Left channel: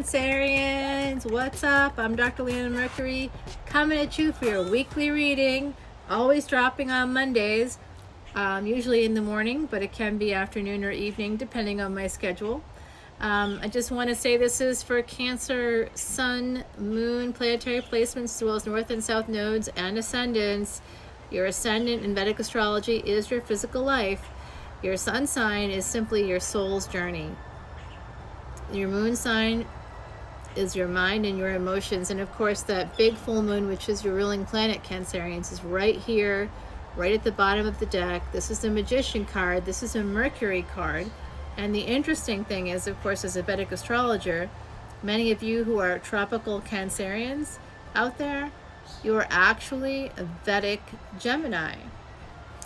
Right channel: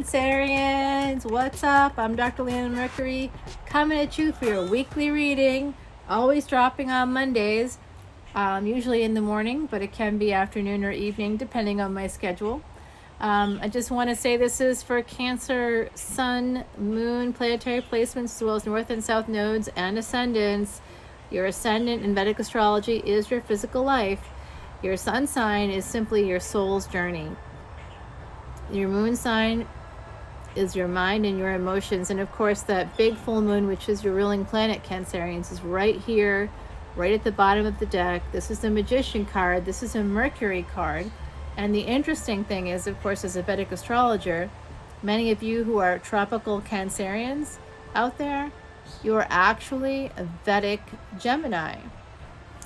Cancerians, what's up? I'm Dr. Leona Mercury, coming at you for your weekly reading, always dropping on Mondays, usually in the morning, but it can be afternoon or evening depending on my schedule. I just want to say this is for Cancer, Sun, Moon, planetary placements, as well as North and South nodes and ascendants. Your ascendant in Vedic astrology is your physical life. Your sun sign is simply your soul's journey. Your moon sign is your mind and your emotions. And of course, that big full moon, which is your ruling planet, Cancerians, is right here, right at the bottom of the deck. This is the Magician card. This is a Mercury card. And the interesting thing is, of course, as a Vedic astrologer, many of you who are tropical Cancerians out there, you are actually a Vedic Gemini.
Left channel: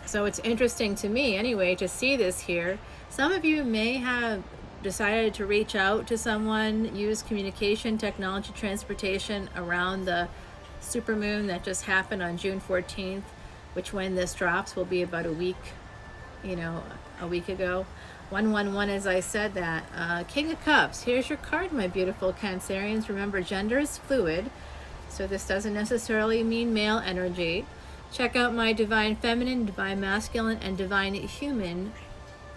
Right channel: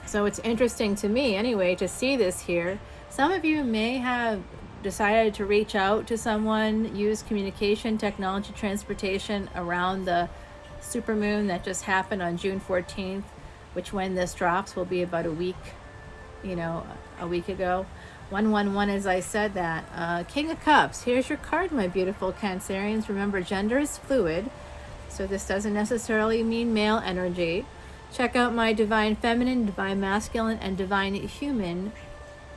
So it's interesting to me, anyway, to see this here. Some of you may have decided to reach out to someone, use communication, technology, transportation around the supermoon that just happened on June 14th, which when this drops will be about a week ago. 111, as I said that. King of Cups, here's your card, my beautiful Cancerians. Remember, gender is fluid, so this doesn't necessarily mean male energy. Check out my Divine Feminine, Divine Masculine, and Divine Human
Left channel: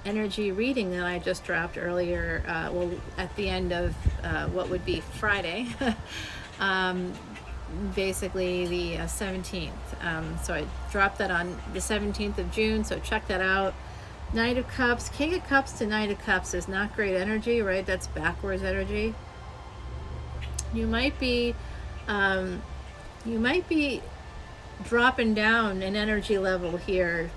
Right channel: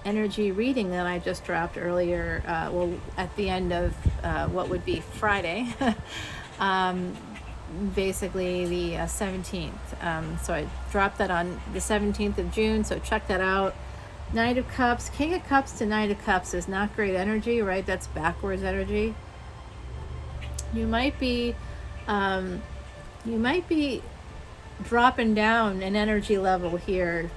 energy reading that I just dropped earlier, at the end of what would be Friday, basically the 17th. So I dropped that on the 17th of June, so check that out. Knight of Cups, King of Cups to Knight of Cups is not great energy, right? That's backwards energy. You might be dropping down an energy level here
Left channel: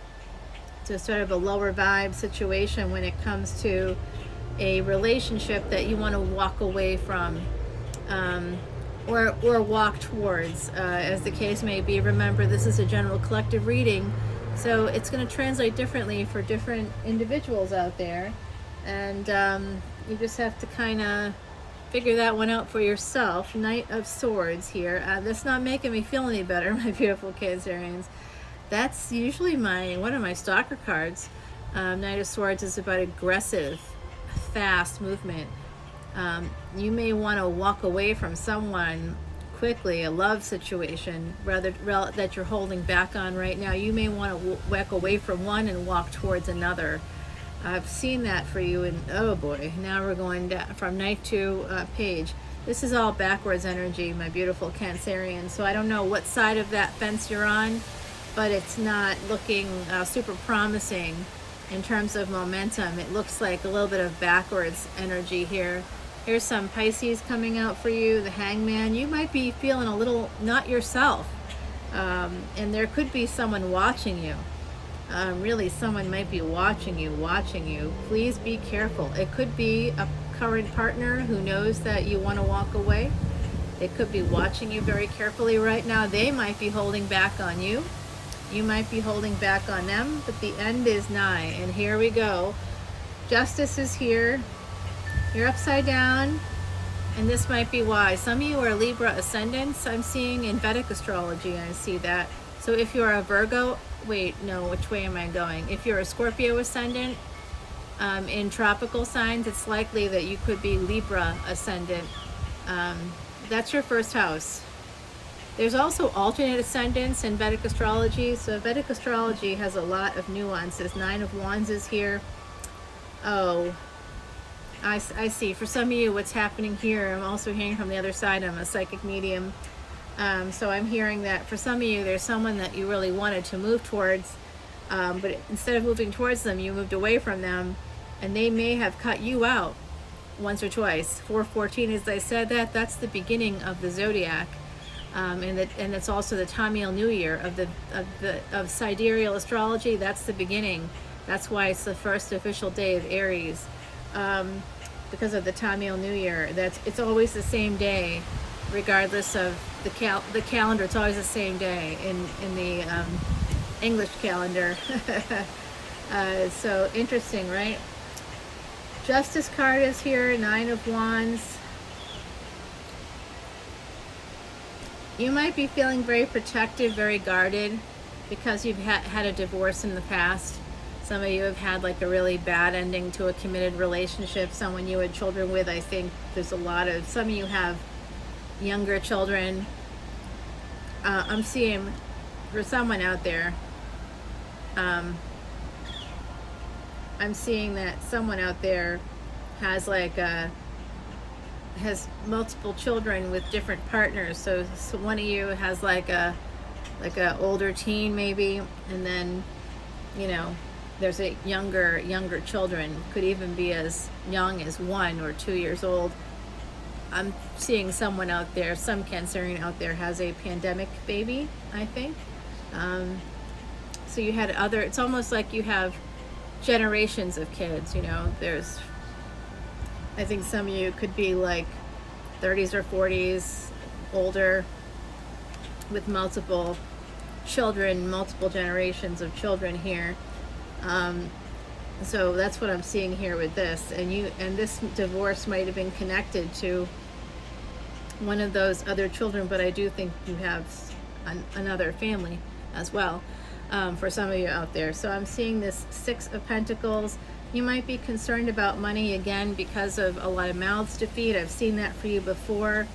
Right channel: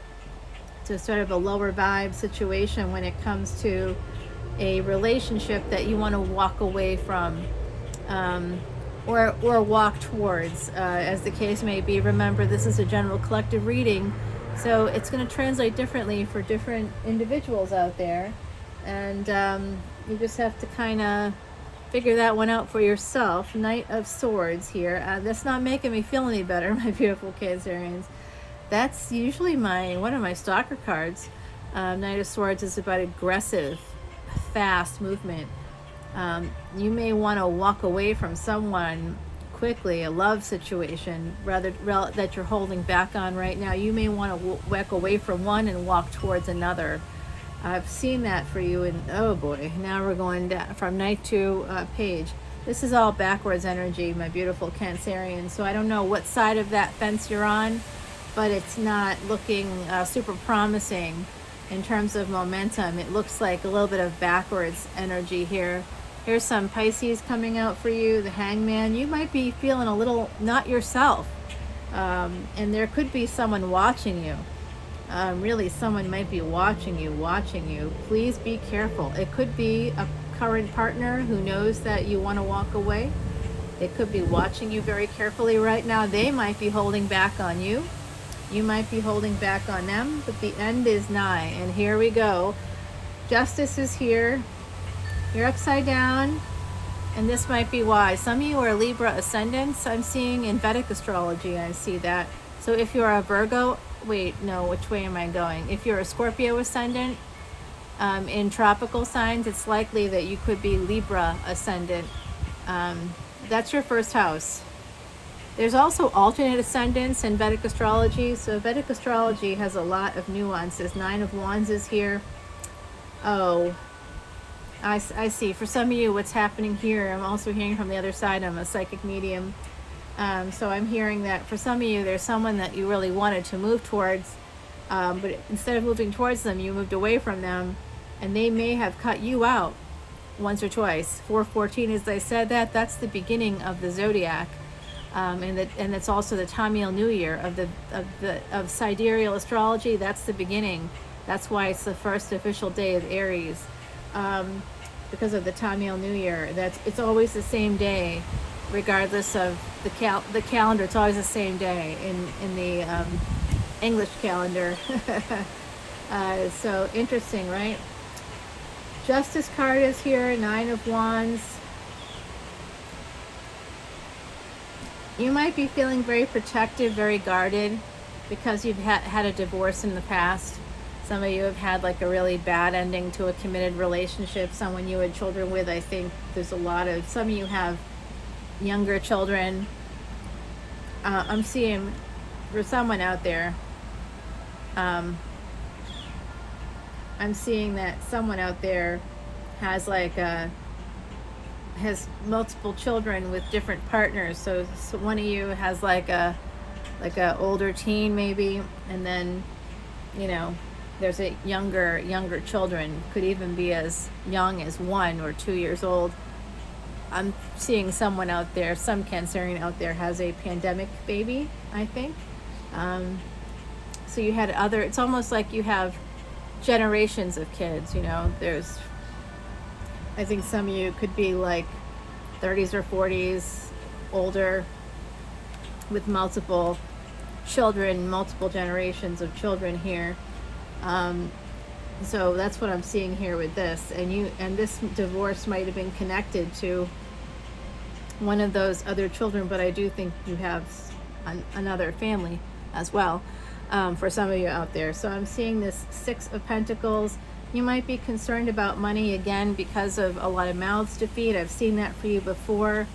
to sort of a lower vibe situation when it comes to a relationship that you want to walk away from, or walk towards, as the case may be. Remember, this is a general collective reading, so it's going to translate differently for different individuals out there, and you just have to kind of figure that one out for yourself. Knight of Swords here. That's not making me feel any better, my beautiful Cancerians. That's usually one of my stalker cards. Knight of Swords is about aggressive, fast movement. You may want to walk away from someone quickly, a love situation, rather that you're holding back on right now. You may want to walk away from one and walk towards another. I've seen that for you, and oh boy, now we're going down from Knight to Page. This is all backwards energy, my beautiful Cancerian. So I don't know what side of that fence you're on, but it's not looking super promising in terms of momentum. It looks like a little bit of backwards energy here. Here's some Pisces coming out for you, the Hangman. You might be feeling a little not yourself, and there could be someone watching you. Really, someone might be watching you. Please be careful. It could be a current partner who knows that you want to walk away. It could be watching you very carefully right now. They might be holding back on you. You might be holding back on them, but the end is nigh. And here we go. Justice is here. You're upside down, and this might be why. Some of you are Libra ascendants. I'm seeing in Vedic astrology, I see that. So if you are a Virgo, wait, no, which way am I going? If you're a Scorpio ascendant, in tropical signs, it's likely that you could be Libra ascendant. That's your first house. There's also alternate ascendants in Vedic astrology. So Vedic astrology has a lot of nuances. Nine of Wands is here. Oh, I see. For some of you, what's happening here, I'm also hearing from the other side. I'm a psychic medium. So I'm hearing that for some of you, there's someone that you really wanted to move towards, but instead of moving towards them, you moved away from them, and they may have cut you out once or twice. 414, as I said, that's the beginning of the zodiac, and it's also the Tamil New Year of sidereal astrology. That's the beginning. That's why it's the first official day of Aries, because of the Tamil New Year. It's always the same day, regardless of the calendar. It's always the same day in the English calendar. So interesting, right? Justice card is here. Nine of Wands. You might be feeling very protective, very guarded, because you've had a divorce in the past. Some of you have had like a really bad ending to a committed relationship, someone you had children with. I think there's a lot of, some of you have younger children. I'm seeing there's someone out there. I'm seeing that someone out there has like has multiple children with different partners. So one of you has like a older teen maybe, and then, you know, there's a younger children, could even be as young as 1 or 2 years old. I'm seeing someone out there, some Cancerian out there has a pandemic baby, I think. So you had other, it's almost like you have generations of kids, you know. There's, I think some of you could be like 30s or 40s, older, with multiple children, multiple generations of children here. So that's what I'm seeing here with this. And this divorce might have been connected to one of those other children, but I do think you have another family as well, for some of you out there. So I'm seeing this 6 of Pentacles. You might be concerned about money again because of a lot of mouths to feed. I've seen that for you before.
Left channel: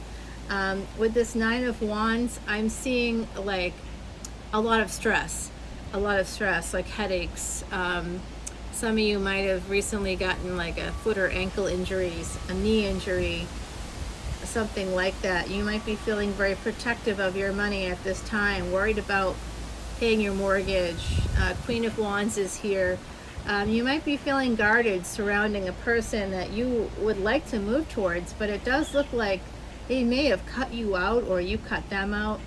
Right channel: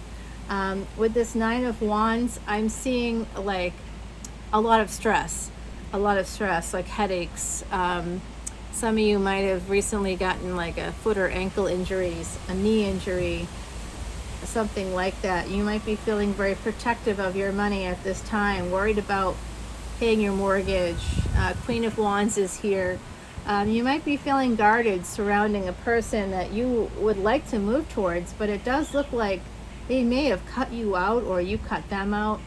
With this 9 of Wands, I'm seeing like a lot of stress, like headaches. Some of you might have recently gotten like a foot or ankle injuries, a knee injury, something like that. You might be feeling very protective of your money at this time, worried about paying your mortgage. Queen of Wands is here. You might be feeling guarded surrounding a person that you would like to move towards, but it does look like they may have cut you out, or you cut them out,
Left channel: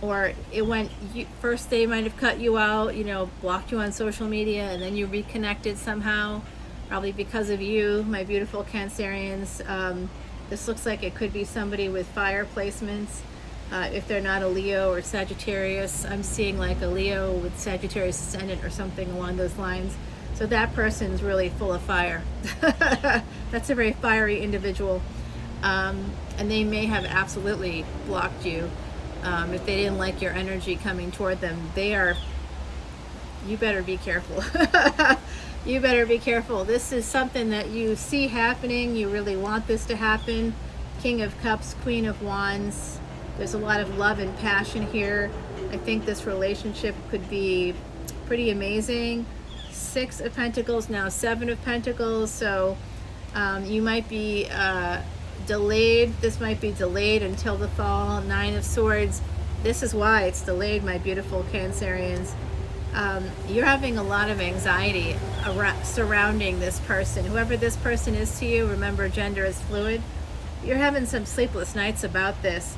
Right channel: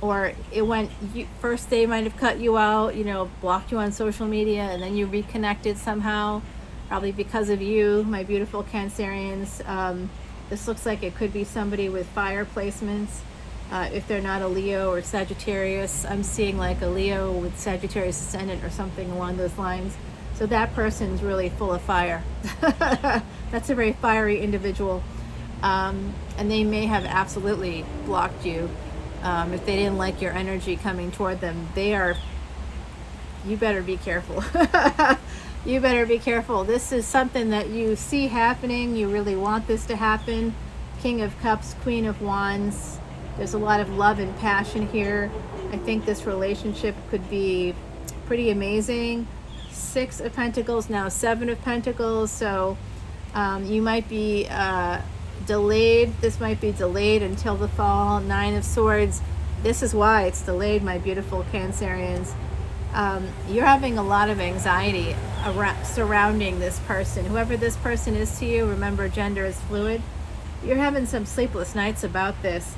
or it went, first they might have cut you out, you know, blocked you on social media, and then you reconnected somehow, probably because of you, my beautiful Cancerians. This looks like it could be somebody with fire placements. If they're not a Leo or Sagittarius, I'm seeing like a Leo with Sagittarius ascendant or something along those lines. So that person's really full of fire. That's a very fiery individual. And they may have absolutely blocked you. If they didn't like your energy coming toward them, you better be careful. You better be careful. This is something that you see happening. You really want this to happen. King of Cups, Queen of Wands. There's a lot of love and passion here. I think this relationship could be pretty amazing. 6 of Pentacles, now 7 of Pentacles. So you might be delayed. This might be delayed until the fall. 9 of Swords. This is why it's delayed, my beautiful Cancerians. You're having a lot of anxiety surrounding this person. Whoever this person is to you, remember gender is fluid. You're having some sleepless nights about this.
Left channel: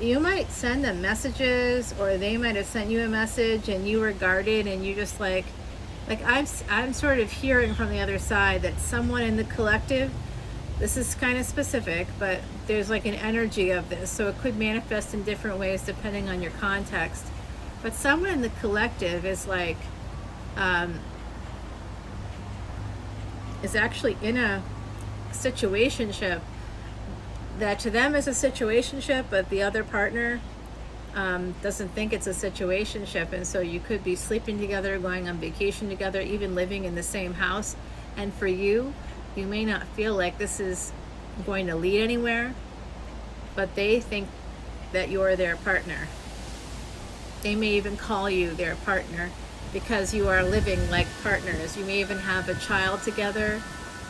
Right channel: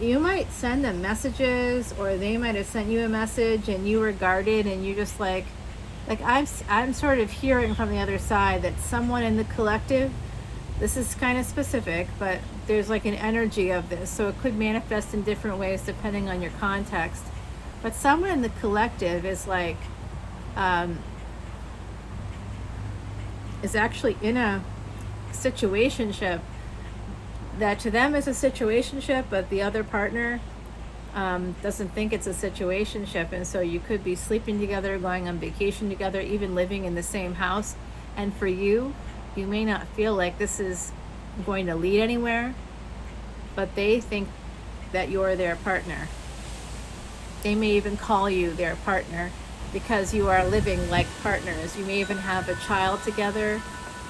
You might send them messages, or they might have sent you a message and you were guarded, and you just like I'm sort of hearing from the other side that someone in the collective, this is kind of specific, but there's like an energy of this, so it could manifest in different ways depending on your context. But someone in the collective is like is actually in a situationship that to them is a situationship, but the other partner doesn't think it's a situationship, and so you could be sleeping together, going on vacation together, even living in the same house. And for you, you may not feel like this is going to lead anywhere, but they think that you're their partner. They may even call you their partner because you are living like partners. You may even have a child together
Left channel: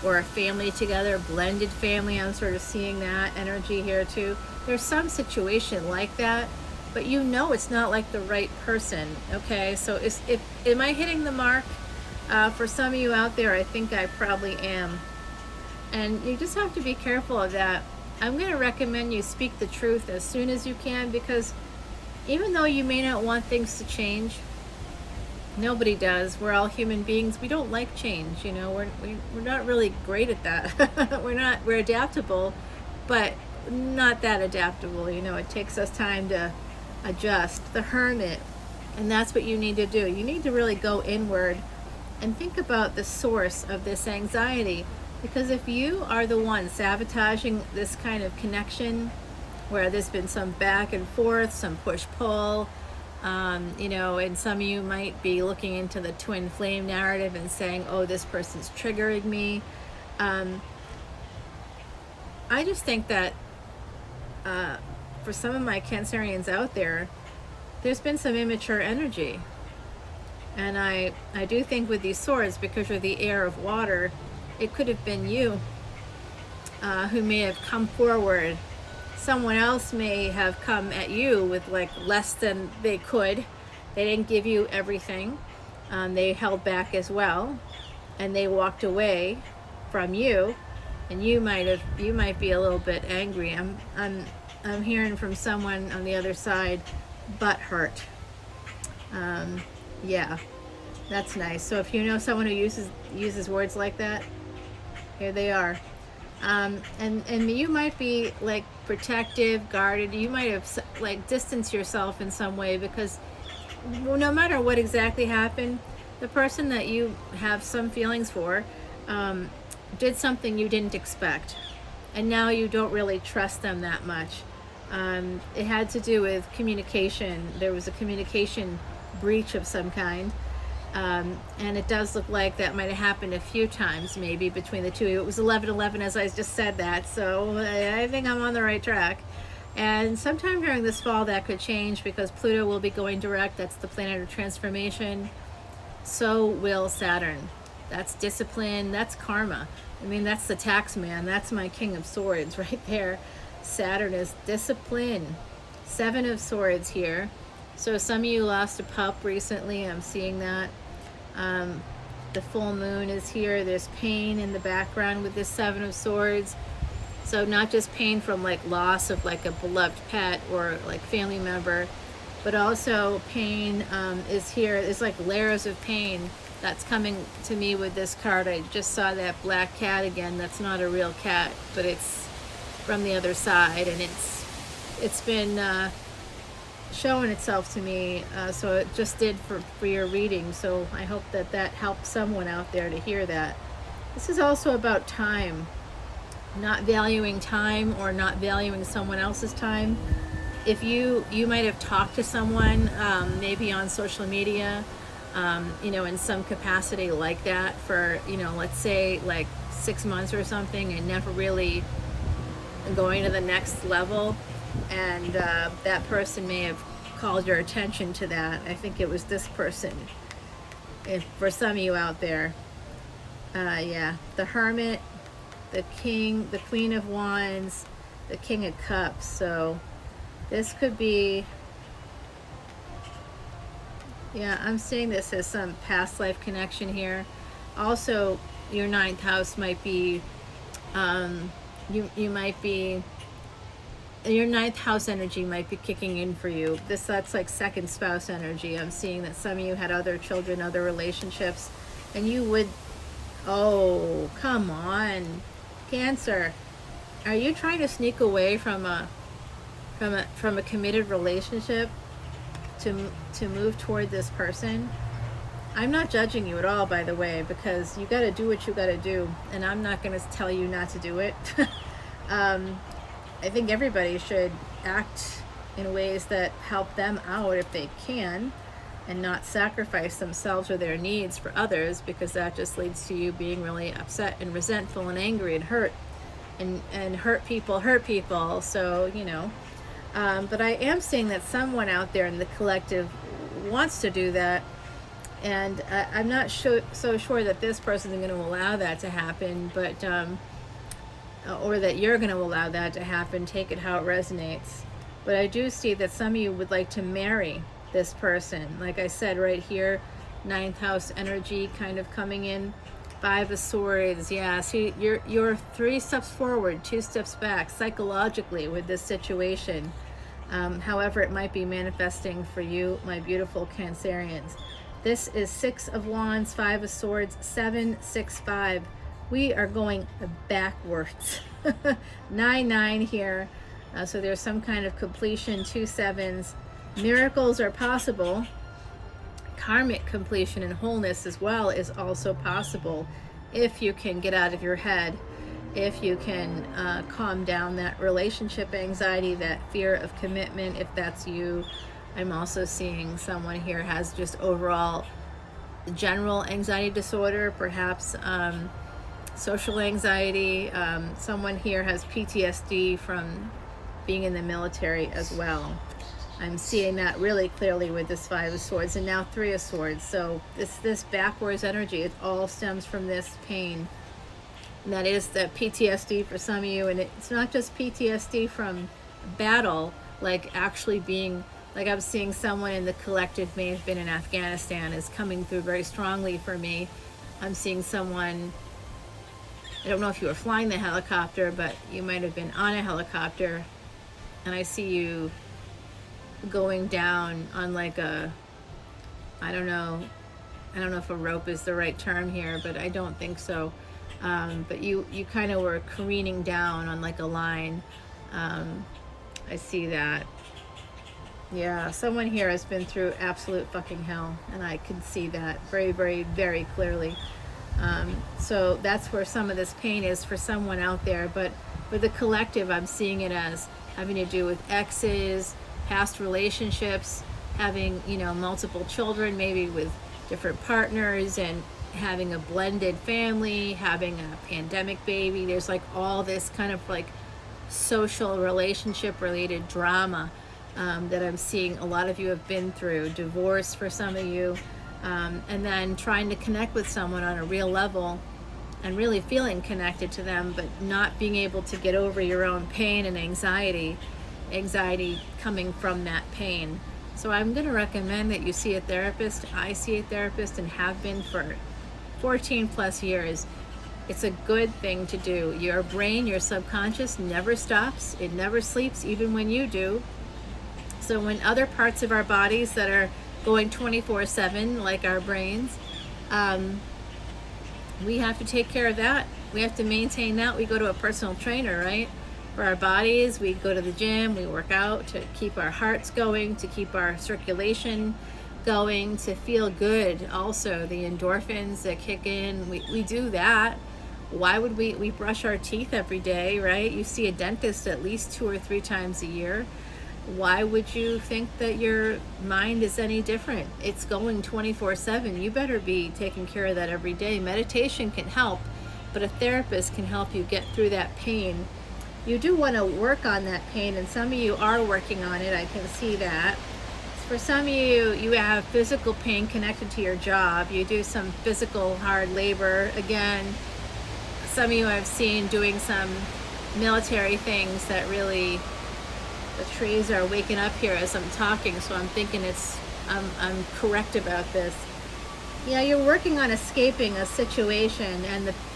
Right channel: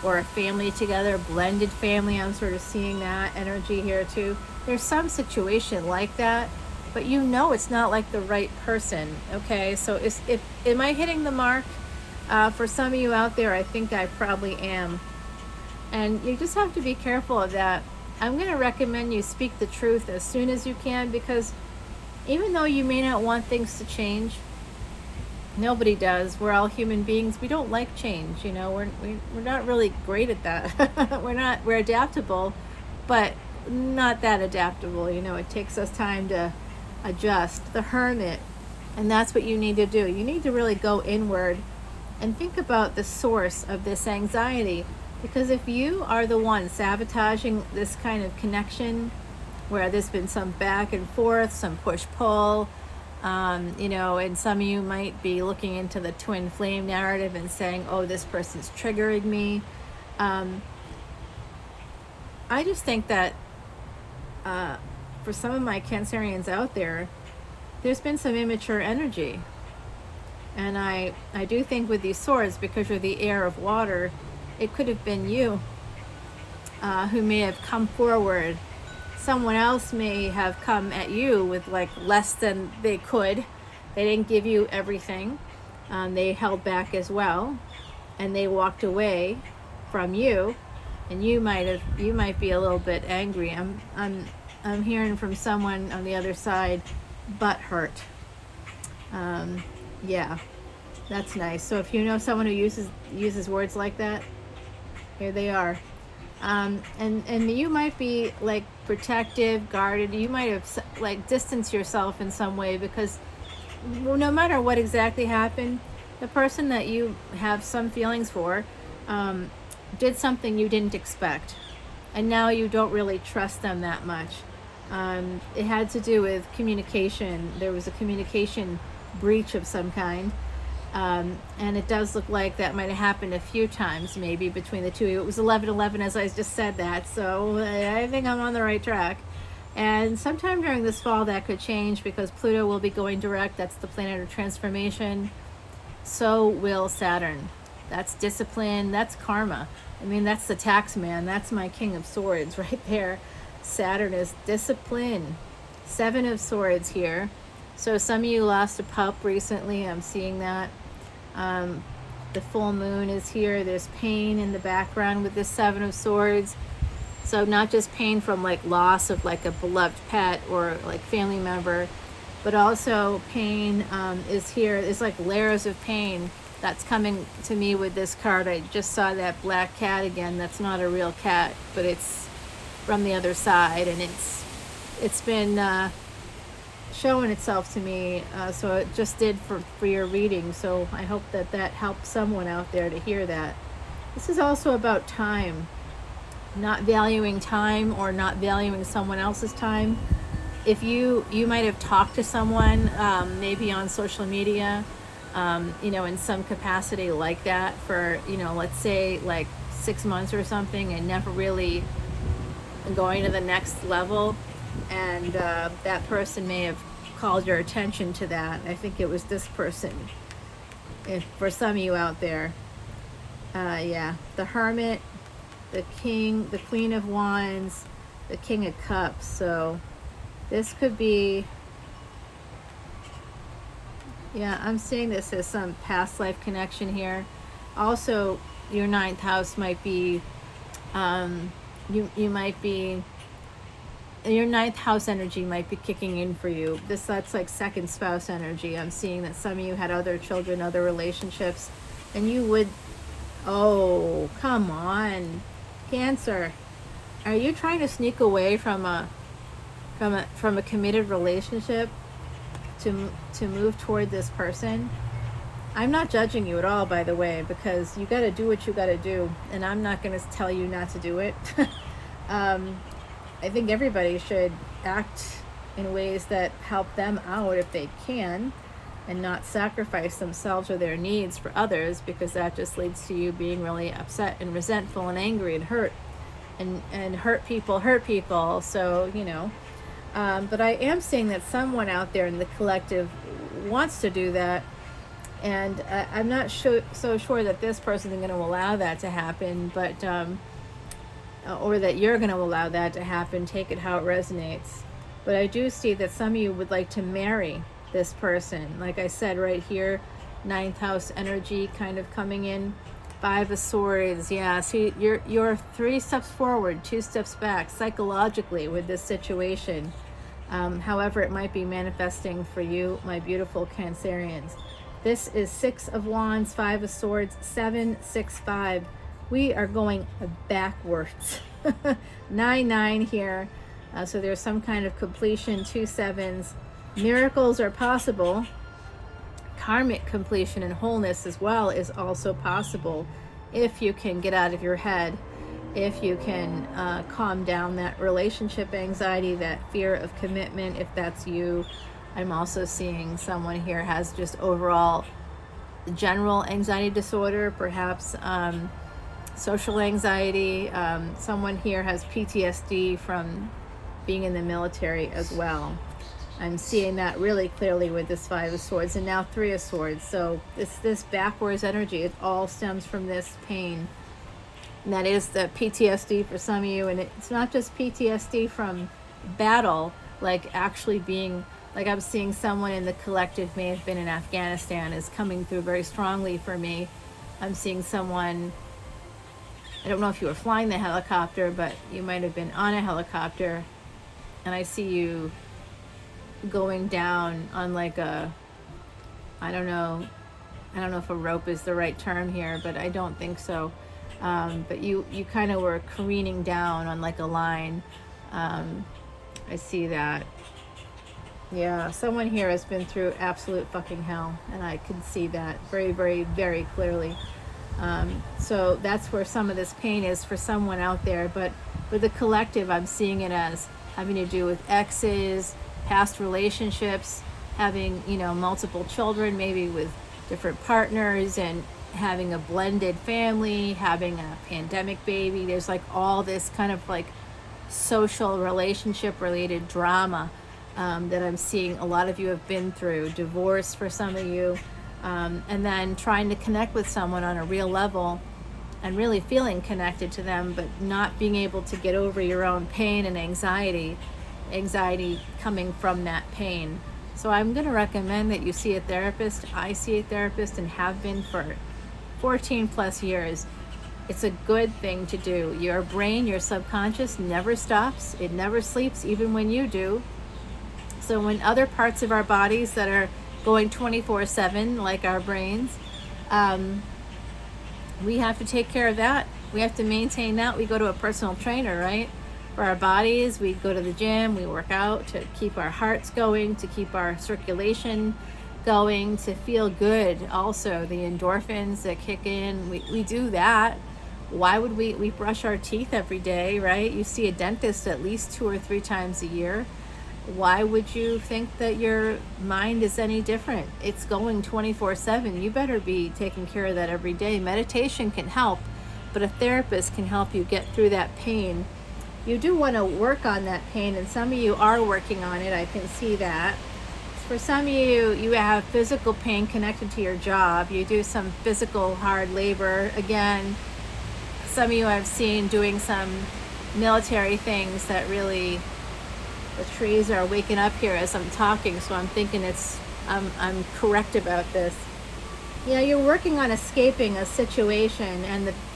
or a family together, blended family. I'm sort of seeing that energy here too. There's some situation like that, but you know it's not like the right person, okay? So am I hitting the mark? For some of you out there, I think I probably am. And you just have to be careful of that. I'm going to recommend you speak the truth as soon as you can, because even though you may not want things to change, nobody does. We're all human beings. We don't like change, you know. We're not really great at that. We're adaptable, but not that adaptable, you know. It takes us time to adjust. The Hermit, and that's what you need to do. You need to really go inward and think about the source of this anxiety, because if you are the one sabotaging this kind of connection, where there's been some back and forth, some push-pull, You know, and some of you might be looking into the twin flame narrative and saying, oh, this person's triggering me. I just think that for some of my Cancerians out there, there's been some immature energy. And I do think with these swords, because you're the heir of water, it could have been you who may have come forward. Someone else may have come at you with like less than they could. They didn't give you everything. They held back as well, and they walked away from you. And you might be a little bit angry. I'm hearing from someone on the other side, butt hurt. Yeah, that's nice. So if you know someone who uses words like that, here they are. And you might be like protective, guarded. You might have like distanced yourself in some way, because no matter what exactly happened, the person that you have some feelings for did something you didn't expect, and now you don't really trust them that much. It had to do with communication. There was a communication breach of some kind, and it does look like that might have happened a few times, maybe between the two of you. It was 11/11, as I just said that, so I think I'm on the right track. And sometime during this fall that could change, because Pluto will be going direct. That's the planet of transformation. So will Saturn. That's discipline, that's karma. I mean, that's the tax man. That's my King of Swords right there. Saturn is discipline. 7 of Swords here. So some of you lost a pup recently. I'm seeing that. The full moon is here. There's pain in the background with this 7 of Swords. So not just pain from like loss of like a beloved pet or like family member, but also pain is here. It's like layers of pain that's coming to me with this card. I just saw that black cat again. That's not a real cat, but it's from the other side, and it's been showing itself to me. So it just did for your reading. So I hope that helps someone out there to hear that. This is also about time. Not valuing time, or not valuing someone else's time. If you might have talked to someone, maybe on social media, in some capacity like that for, let's say like 6 months or something, and never really going to the next level. And that person may have called your attention to that. I think it was this person, for some of you out there. Yeah, the Hermit, the King, the Queen of Wands, the King of Cups. So this could be, yeah, I'm seeing this as some past life connection here. Also, your 9th house might be, you might be, your 9th house energy might be kicking in for you. That's like second spouse energy. I'm seeing that some of you had other children, other relationships, and you would, oh, come on. Cancer, are you trying to sneak away from a committed relationship to move toward this person? I'm not judging you at all, by the way, because you got to do what you got to do, and I'm not going to tell you not to do it. I think everybody should act in ways that help them out if they can, and not sacrifice themselves or their needs for others, because that just leads to you being really upset and resentful and angry and hurt, and hurt people. So, but I am seeing that someone out there in the collective wants to do that, and I'm not so sure that this person is going to allow that to happen, but or that you're going to allow that to happen. Take it how it resonates. But I do see that some of you would like to marry this person. Like I said, right here, 9th house energy kind of coming in. 5 of Swords. Yeah, see, you're 3 steps forward, 2 steps back psychologically with this situation. However it might be manifesting for you, my beautiful Cancerians. This is 6 of Wands, 5 of Swords, 7, 6, 5. We are going backwards. 9, 9 here. So there's some kind of completion, 2 7s. Miracles are possible. Karmic completion and wholeness as well is also possible if you can get out of your head, if you can calm down that relationship anxiety, that fear of commitment, if that's you, I'm also seeing someone here has just overall general anxiety disorder, perhaps social anxiety. Someone here has PTSD from being in the military as well. I'm seeing that really clearly with this Five of Swords and now Three of Swords. So this backwards energy, it all stems from this pain. And that is the PTSD for some of you. And it's not just PTSD from battle, like actually being, like I'm seeing someone in the collective may have been in Afghanistan is coming through very strongly for me. I'm seeing someone, I don't know if you were flying the helicopter, but you might have been on a helicopter. And I see you going down on like a, I don't know if a rope is the right term here, but I don't think so. But you kind of were careening down on like a line. I see that. Yeah, someone here has been through absolute fucking hell, and I can see that very, very, very clearly. So that's where some of this pain is for someone out there. But for the collective, I'm seeing it as having to do with exes, past relationships, having, you know, multiple children, maybe with different partners, and having a blended family, having a pandemic baby. There's like all this kind of like social relationship related drama that I'm seeing a lot of you have been through. Divorce for some of you, and then trying to connect with someone on a real level and really feeling connected to them, but not being able to get over your own pain and anxiety coming from that pain. So I'm going to recommend that you see a therapist. I see a therapist and have been for 14 plus years. It's a good thing to do. Your brain, your subconscious never stops. It never sleeps, even when you do. So when other parts of our bodies that are going 24/7, like our brains, we have to take care of that. We have to maintain that. We go to a personal trainer, right? For our bodies, we go to the gym, we work out to keep our hearts going, to keep our circulation going, to feel good. Also, the endorphins that kick in, we do that. Why would we brush our teeth every day, right? You see a dentist at least 2 or 3 times a year. Why would you think that your mind is any different? It's going 24/7. You better be taking care of that every day. Meditation can help, but a therapist can help you get through that pain. You do want to work on that pain, and some of you are working on it. I can see that. For some of you, you have physical pain connected to your job. You do some physical hard labor. Again, some of you I've seen doing some military things that really, the trees are waking up here as I'm talking, so I'm thinking I'm correct about this. Yeah, you're working on escaping a situation,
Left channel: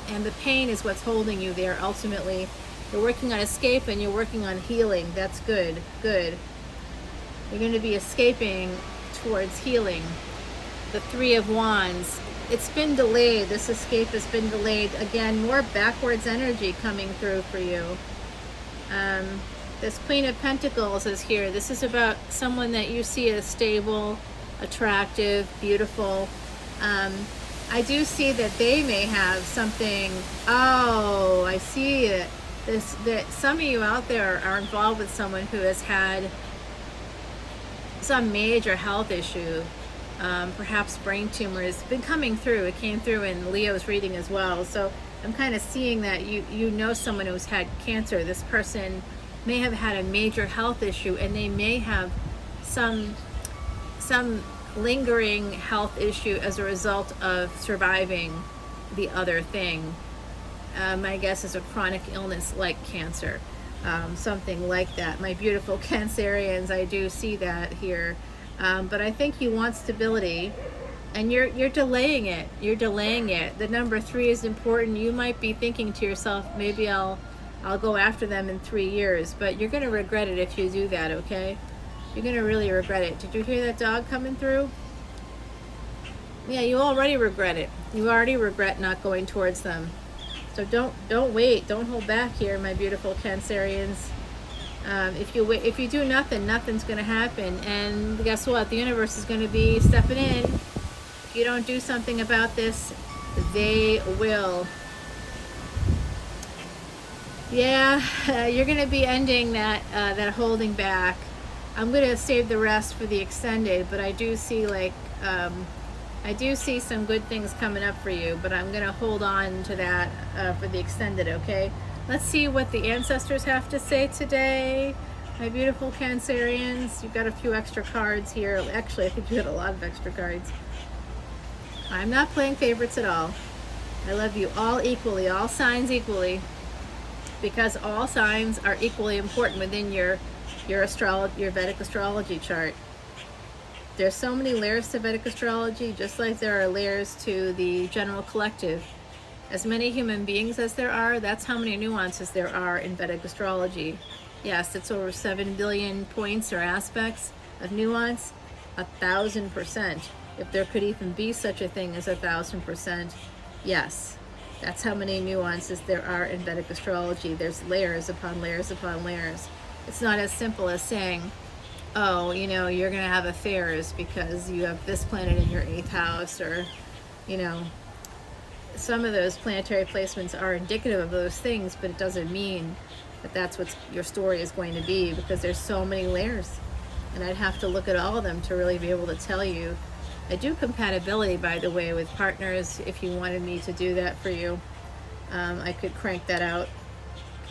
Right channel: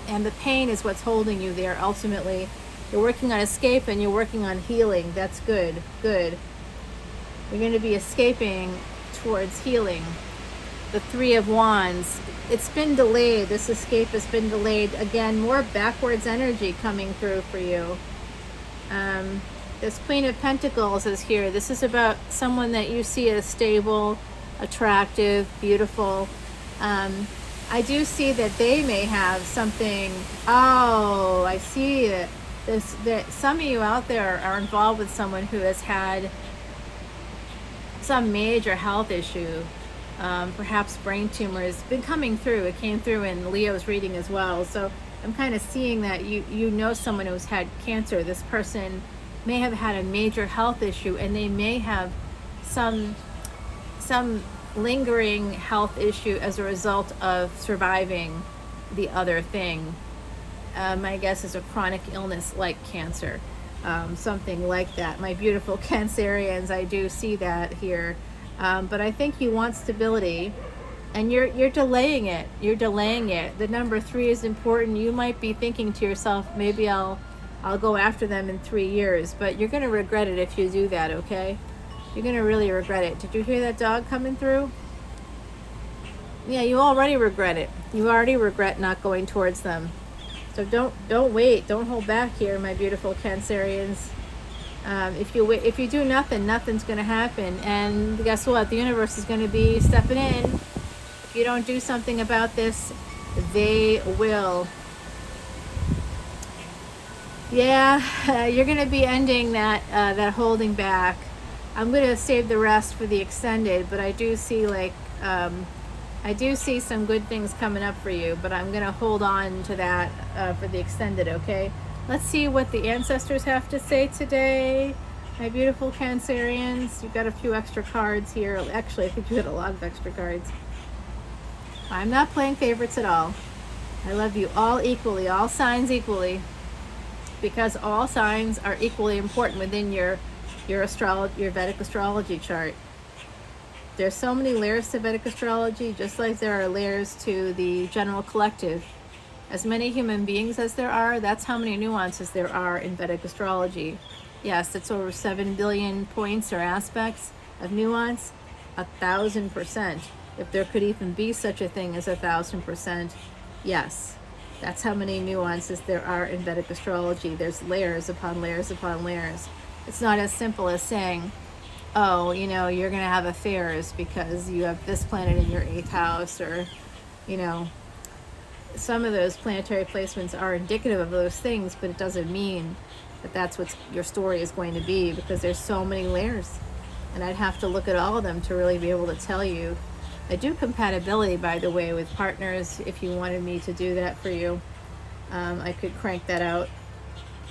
and the pain is what's holding you there ultimately. You're working on escape and you're working on healing. That's good. Good. You're going to be escaping towards healing. The Three of Wands. It's been delayed. This escape has been delayed. Again, more backwards energy coming through for you. This Queen of Pentacles is here. This is about someone that you see as stable, attractive, beautiful. I do see that they may have something. Oh, I see it. That some of you out there are involved with someone who has had some major health issue, perhaps brain tumor has been coming through. It came through in Leo's reading as well. So I'm kind of seeing that you know someone who's had cancer. This person may have had a major health issue, and they may have some lingering health issue as a result of surviving the other thing. My guess is a chronic illness like cancer, something like that. My beautiful Cancerians, I do see that here. But I think you want stability, and you're delaying it. You're delaying it. The number 3 is important. You might be thinking to yourself, maybe I'll go after them in 3 years, but you're going to regret it if you do that, okay? You're going to really regret it. Did you hear that dog coming through? Yeah, you already regret it. You already regret not going towards them. So don't wait. Don't hold back here, my beautiful Cancerians. If you do nothing, nothing's going to happen. And guess what? The universe is going to be stepping in. If you don't do something about this, they will. Yeah, you're going to be ending that holding back. I'm going to save the rest for the extended, but I do see like, I do see some good things coming up for you, but I'm going to hold on to that for the extended, okay? Let's see what the ancestors have to say today. My beautiful Cancerians, you've got a few extra cards here. Actually, I think you had a lot of extra cards. I'm not playing favorites at all. I love you all equally, all signs equally, because all signs are equally important within your Vedic astrology chart. There's so many layers to Vedic astrology, just like there are layers to the general collective. As many human beings as there are, that's how many nuances there are in Vedic astrology. Yes, it's over 7 billion points or aspects of nuance, 1,000%. If there could even be such a thing as 1,000%, yes, that's how many nuances there are in Vedic astrology. There's layers upon layers upon layers. It's not as simple as saying, oh, you know, you're going to have affairs because you have this planet in your 8th house, or, you know, some of those planetary placements are indicative of those things, but it doesn't mean that that's what your story is going to be, because there's so many layers, and I'd have to look at all of them to really be able to tell you. I do compatibility, by the way, with partners. If you wanted me to do that for you, I could crank that out.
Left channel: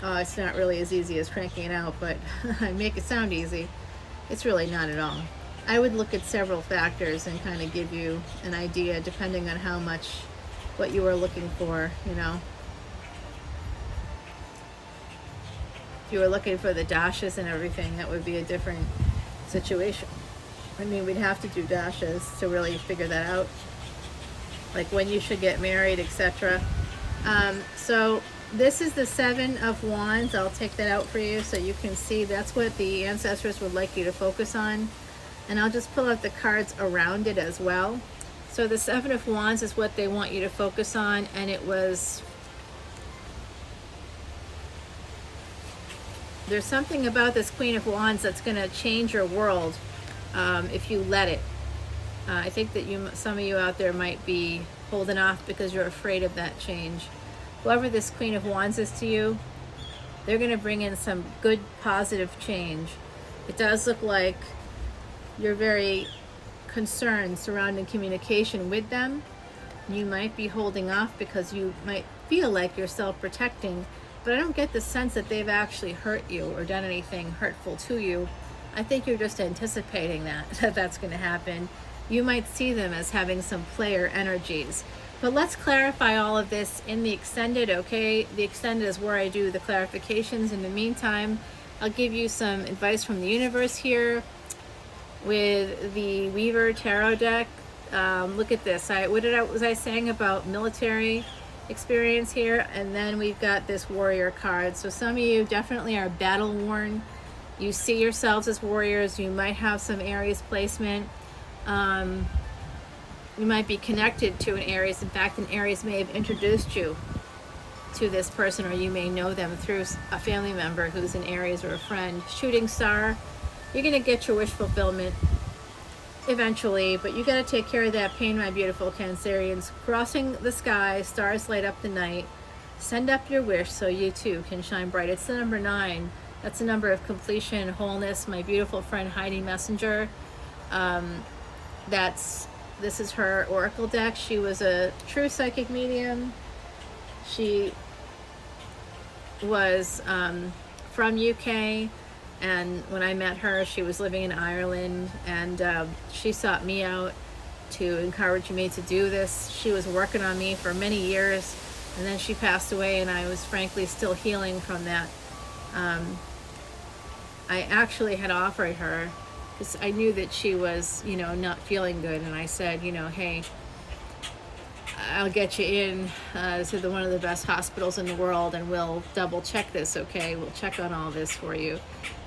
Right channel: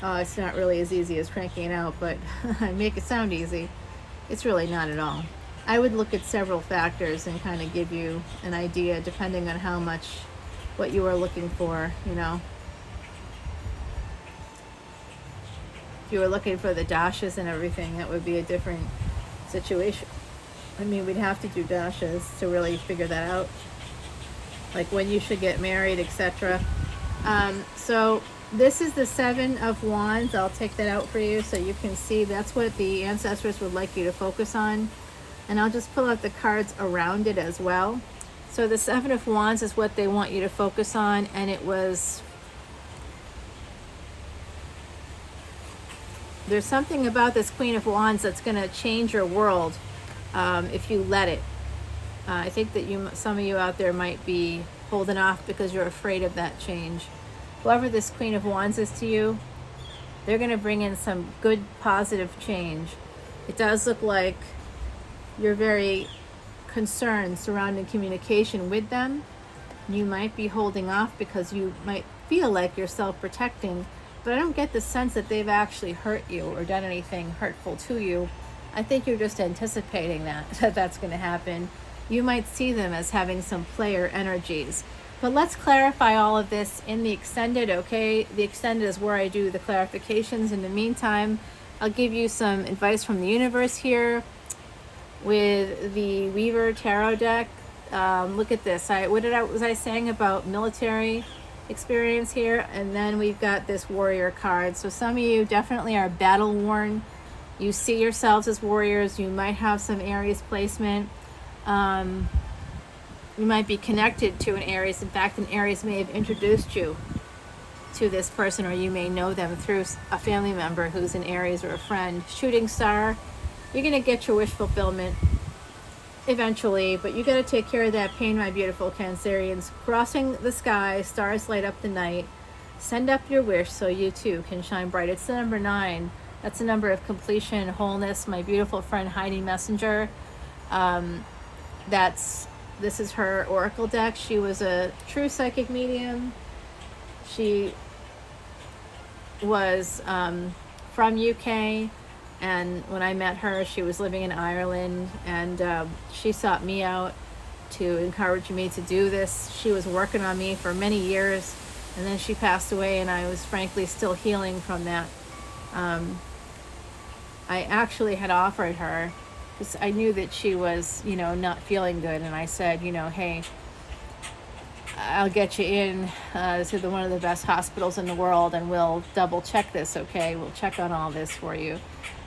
It's not really as easy as cranking it out, but I make it sound easy. It's really not at all. I would look at several factors and kind of give you an idea, depending on how much, what you are looking for, you know. If you were looking for the dashes and everything, that would be a different situation. I mean, we'd have to do dashes to really figure that out, like when you should get married, etc. So this is the 7 of Wands. I'll take that out for you so you can see that's what the ancestors would like you to focus on. And I'll just pull out the cards around it as well. So the 7 of Wands is what they want you to focus on, and it was, there's something about this Queen of Wands that's going to change your world if you let it. I think that some of you out there might be holding off because you're afraid of that change. Whoever this Queen of Wands is to you, they're going to bring in some good, positive change. It does look like you're very concerned surrounding communication with them. You might be holding off because you might feel like you're self-protecting, but I don't get the sense that they've actually hurt you or done anything hurtful to you. I think you're just anticipating that that's going to happen. You might see them as having some player energies. But let's clarify all of this in the extended, okay? The extended is where I do the clarifications. In the meantime, I'll give you some advice from the universe here with the Weaver Tarot deck. Look at this. What was I saying about military experience here? And then we've got this warrior card. So some of you definitely are battle worn. You see yourselves as warriors. You might have some Aries placement. You might be connected to an Aries. In fact, an Aries may have introduced you to this person, or you may know them through a family member who's an Aries or a friend. Shooting star, you're going to get your wish fulfillment eventually, but you got to take care of that pain, my beautiful Cancerians. Crossing the sky, stars light up the night. Send up your wish so you too can shine bright. It's the number 9. That's the number of completion, wholeness. My beautiful friend Heidi Messenger. This is her oracle deck. She was a true psychic medium. She was from UK, and when I met her, she was living in Ireland, and she sought me out to encourage me to do this. She was working on me for many years, and then she passed away, and I was frankly still healing from that. I actually had offered her, because I knew that she was, you know, not feeling good, and I said, you know, hey, I'll get you in to one of the best hospitals in the world, and we'll double check this, okay? We'll check on all this for you.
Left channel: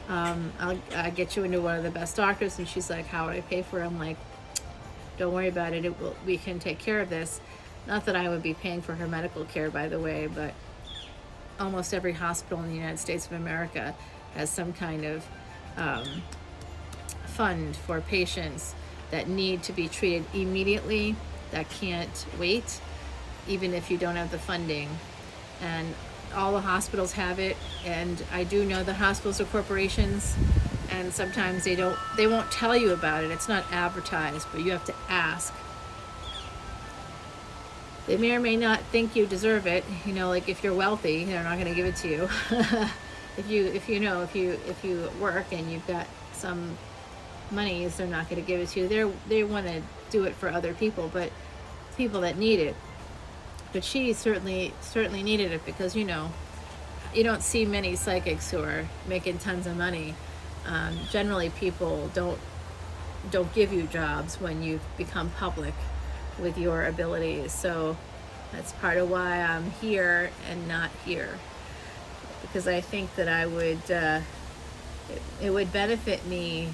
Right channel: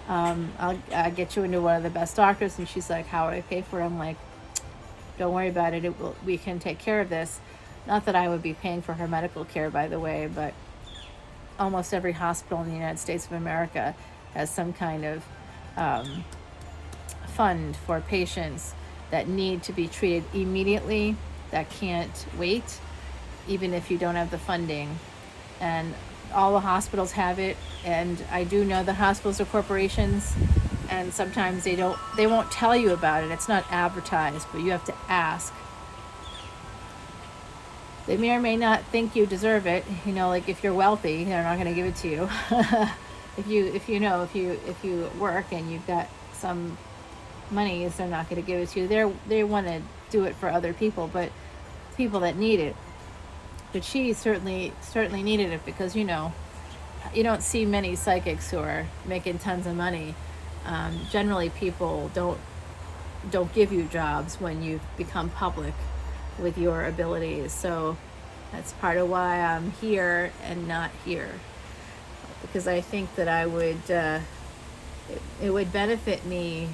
I'll get you into one of the best doctors. And she's like, how would I pay for it? I'm like, don't worry about it. We can take care of this. Not that I would be paying for her medical care, by the way, but almost every hospital in the United States of America has some kind of fund for patients that need to be treated immediately, that can't wait, even if you don't have the funding. And all the hospitals have it, and I do know that hospitals are corporations, and sometimes they won't tell you about it. It's not advertised, but you have to ask. They may or may not think you deserve it. You know, like if you're wealthy, they're not going to give it to you. if you work and you've got some monies, they're not going to give it to you. They want to do it for other people, but people that need it. But she certainly needed it, because you know, you don't see many psychics who are making tons of money. Generally, people don't give you jobs when you've become public with your abilities. So that's part of why I'm here and not here, because I think that it would benefit me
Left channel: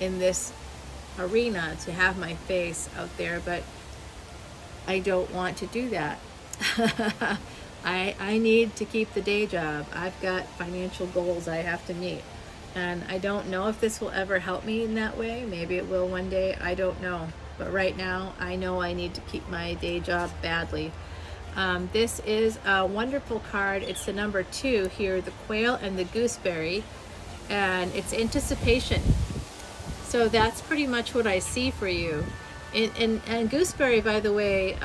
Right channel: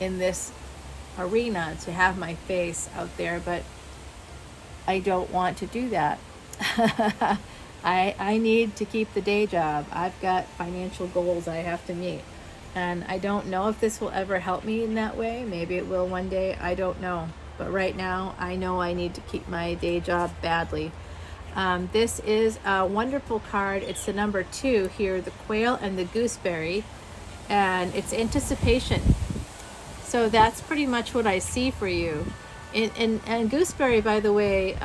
in this arena to have my face out there, but I don't want to do that. I need to keep the day job. I've got financial goals I have to meet, and I don't know if this will ever help me in that way. Maybe it will one day, I don't know. But right now, I know I need to keep my day job badly. This is a wonderful card. It's the number 2 here, the quail and the gooseberry, and it's anticipation. So that's pretty much what I see for you. And gooseberry, by the way,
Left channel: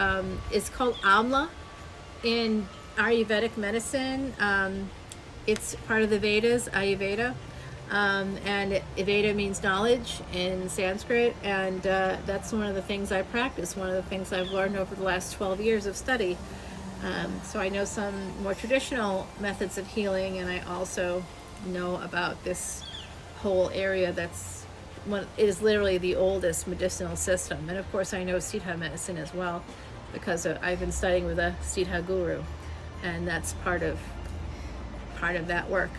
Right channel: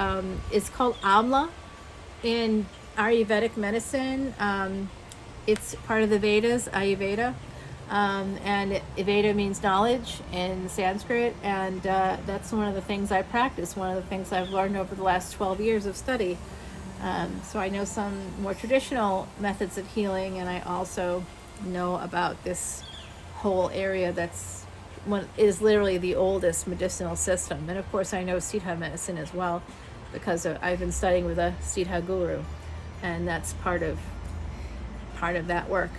is called amla in Ayurvedic medicine. It's part of the Vedas, Ayurveda. And Veda means knowledge in Sanskrit, and that's one of the things I practice, one of the things I've learned over the last 12 years of study. So I know some more traditional methods of healing, and I also know about this whole area is literally the oldest medicinal system. And of course I know Siddha medicine as well, because I've been studying with a Siddha guru, and that's part of that work.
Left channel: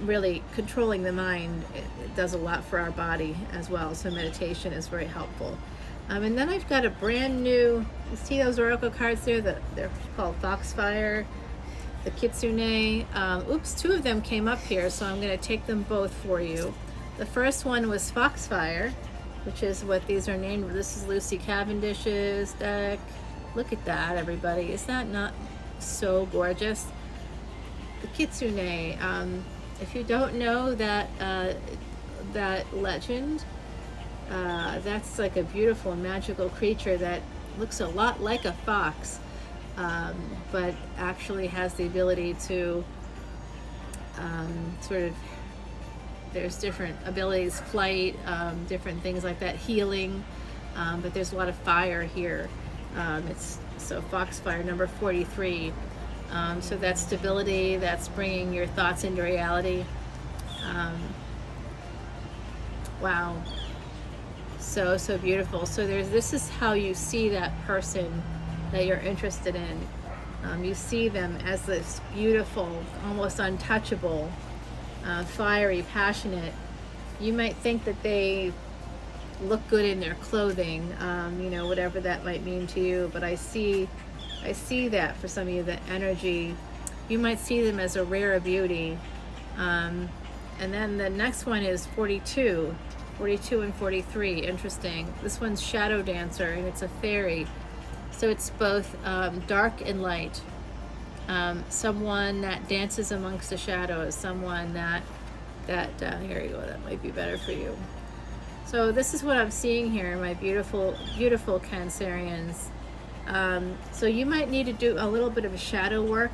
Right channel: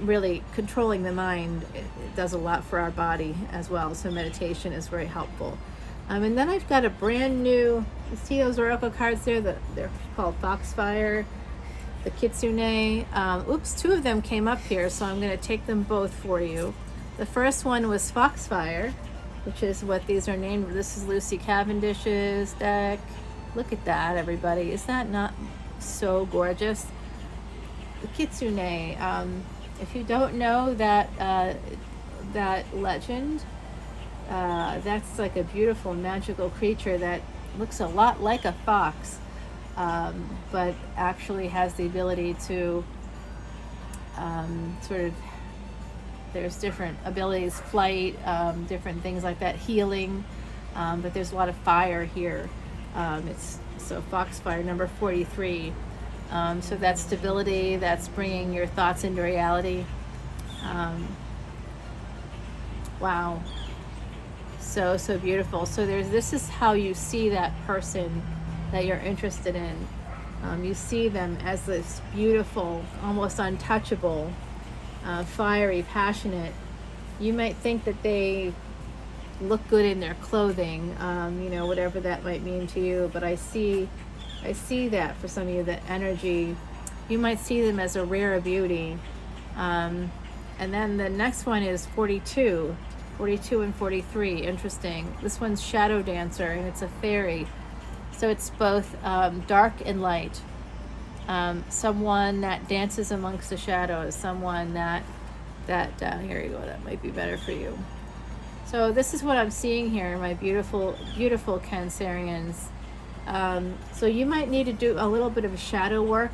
Really controlling the mind, it does a lot for our body as well, so meditation is very helpful. And then I've got a brand new, you see those oracle cards there, they're called Foxfire, the Kitsune. 2 of them came up here, so I'm going to take them both for you. The first one was Foxfire, which is what these are named. This is Lucy Cavendish's deck. Look at that, everybody. Is that not so gorgeous? The Kitsune, if you don't know that legend, that's like a beautiful magical creature that looks a lot like a fox, but actually has the ability to there's different abilities, flight, different things like that, healing, but there's a lot of fire here. So Foxfire, number 43. So that's stability, that's bringing your thoughts into reality. Wow. So beautiful. So this is how you see that person that you're interested in. You see them as this beautiful, almost untouchable, fiery, passionate. You might think that they look good in their clothing, whatever that might mean to you, but I see that for some of you, that energy. You might see them as a rare beauty. And then the next one is 42 and 43. Interesting. This one's Shadow Dancer, and it's a fairy. So it's both dark and light. Someone that dances amongst the shadows, someone that here you go, that might be better for you. So this is what I'm seeing here, my beautiful Cancerians. So you might need to do a little bit of a shadow work,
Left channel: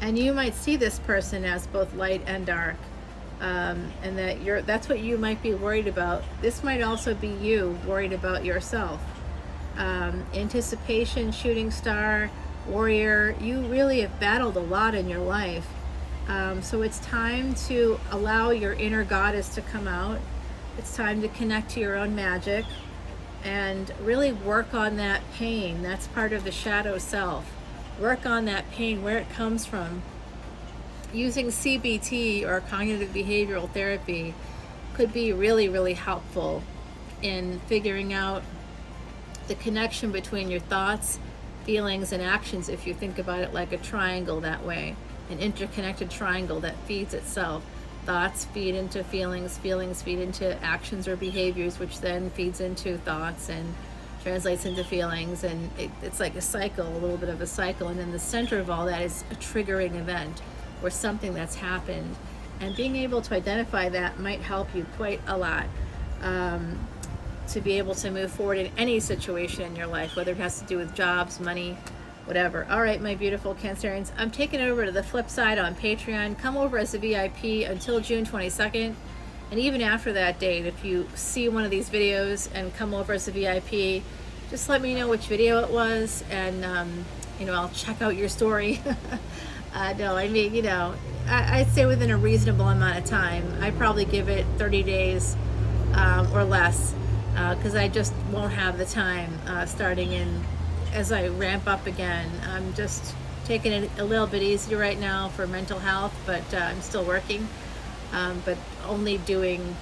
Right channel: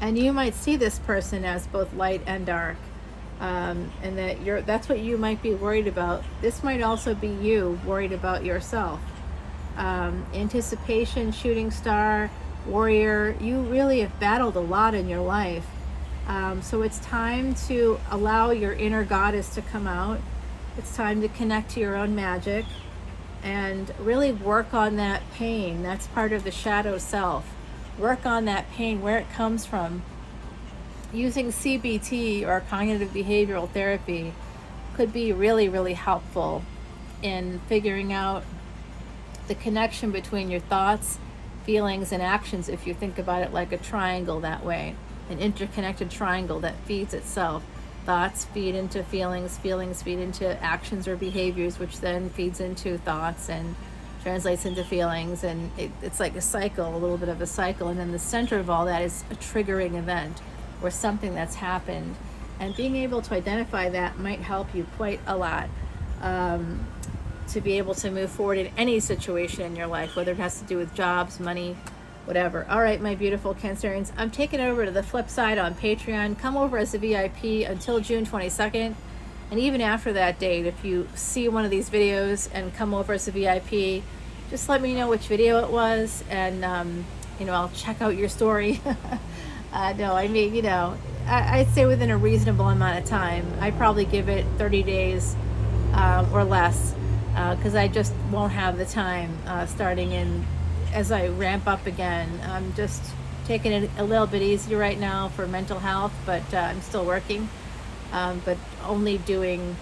and you might see this person as both light and dark, and that's what you might be worried about. This might also be you worried about yourself. Anticipation, shooting star, warrior, you really have battled a lot in your life. So it's time to allow your inner goddess to come out. It's time to connect to your own magic and really work on that pain. That's part of the shadow self. Work on that pain, where it comes from. Using CBT or cognitive behavioral therapy could be really, really helpful in figuring out the connection between your thoughts, feelings, and actions, if you think about it like a triangle that way, an interconnected triangle that feeds itself. Thoughts feed into feelings, feelings feed into actions or behaviors, which then feeds into thoughts and translates into feelings, and it's like a cycle, a little bit of a cycle. And then the center of all that is a triggering event or something that's happened. And being able to identify that might help you quite a lot, to be able to move forward in any situation in your life, whether it has to do with jobs, money, whatever. All right, my beautiful Cancerians, I'm taking over to the flip side on Patreon. Come over as a VIP until June 22nd. And even after that date, if you see one of these videos and come over as a VIP, just let me know which video it was, and I'll check out your story. No, I mean, I'd say within a reasonable amount of time. I probably give it 30 days or less, because I just won't have the time starting in as I ramp up again. I'm just taking it a little bit easier right now for mental health, but I'm still working. But only doing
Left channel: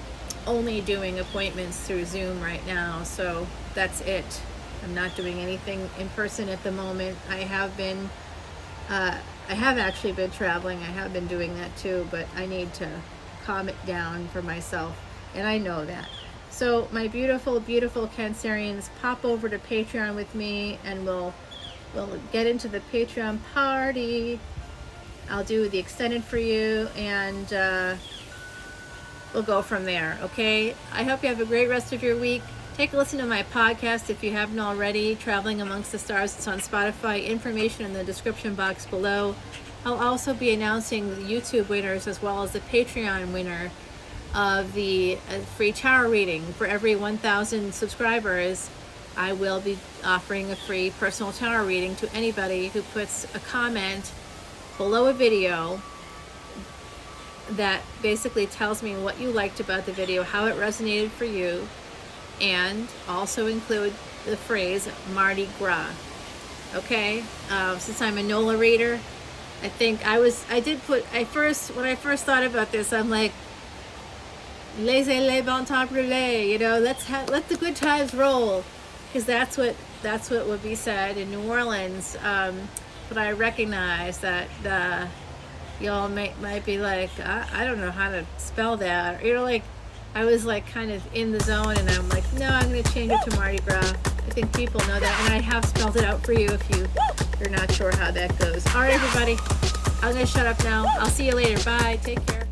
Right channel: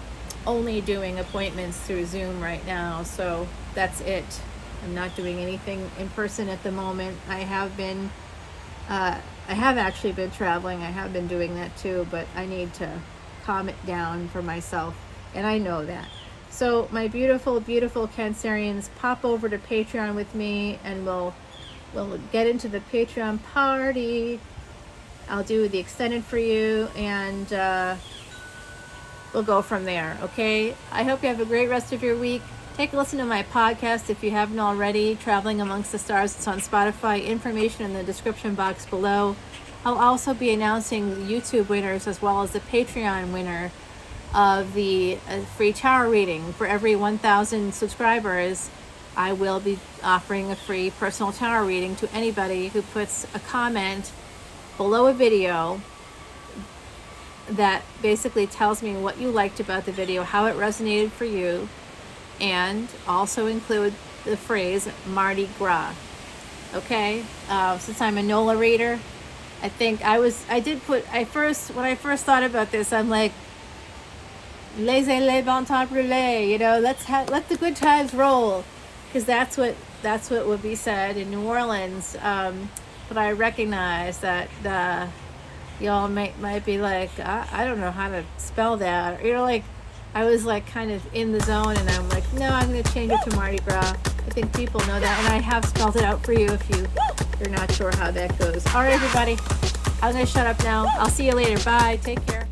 appointments through Zoom right now, so that's it. I'm not doing anything in person at the moment. I have actually been traveling. I have been doing that too, but I need to calm it down for myself, and I know that. So my beautiful, beautiful Cancerians, pop over to Patreon with me, and we'll get into the Patreon party. I'll do the extended for you, and we'll go from there, okay? I hope you have a great rest of your week. Take a listen to my podcast if you haven't already, Traveling Amongst the Stars. It's on Spotify. Information in the description box below. I'll also be announcing the YouTube winners as well as the Patreon winner of the free tarot reading. For every 1,000 subscribers, I will be offering a free personal tarot reading to anybody who puts a comment below a video that basically tells me what you liked about the video, how it resonated for you, and also include the phrase Mardi Gras. Okay, since I'm a NOLA reader, I think when I first thought about this, I'm like, laissez les bon temps brûler, let the good times roll, because that's what would be said in New Orleans. But I recognize that y'all might be like, I don't know how to spell that. I was kind of in the zone, and I'm like, no, I'm going to change it to Mardi Gras. I think people know that, and I have spelled it out for you if you're not sure how that goes. All right, everybody, I'm going to shut up now. I'll see you later. Bye. Take care.